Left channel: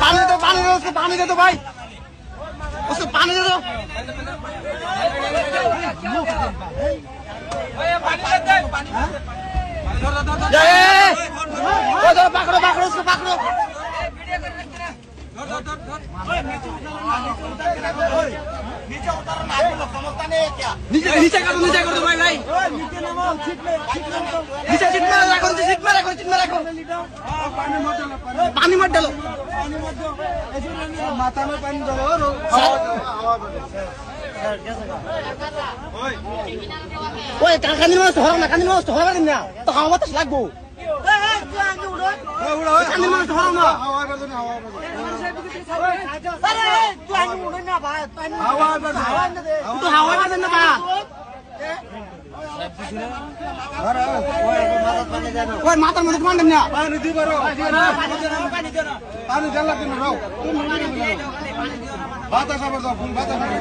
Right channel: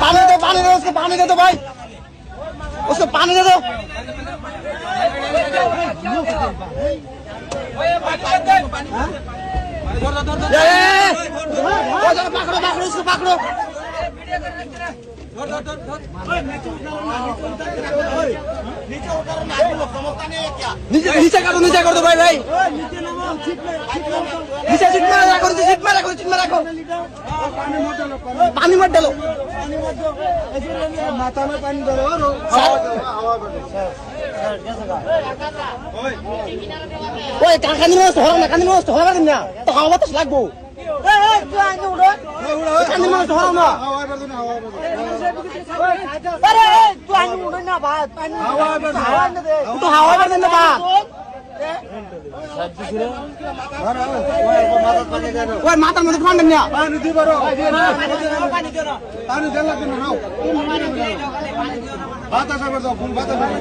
पानी दे दो भाई, उसको पानी दे दो। पकड़ो पकड़ो उसको पकड़ो। नीचे कर दो भाई भाई, नीचे सीट में रखो, सीट में रखो, सीट में रखो। पानी मत डालो, माथा में पानी डालो। ওই কাকানি মাছ ধরো না, কাকানি মাছ ধরো না, তো হাওয়া বাতাস লাগবো। কাকানি মাছ ধরো না, তো হাওয়া বাতাস না ভাত। ওই মাথার মধ্যে কোন না পানি দি করো, পানি দেন লাগবে না, নাও বাতাস হবে, যখন বাতাস হবে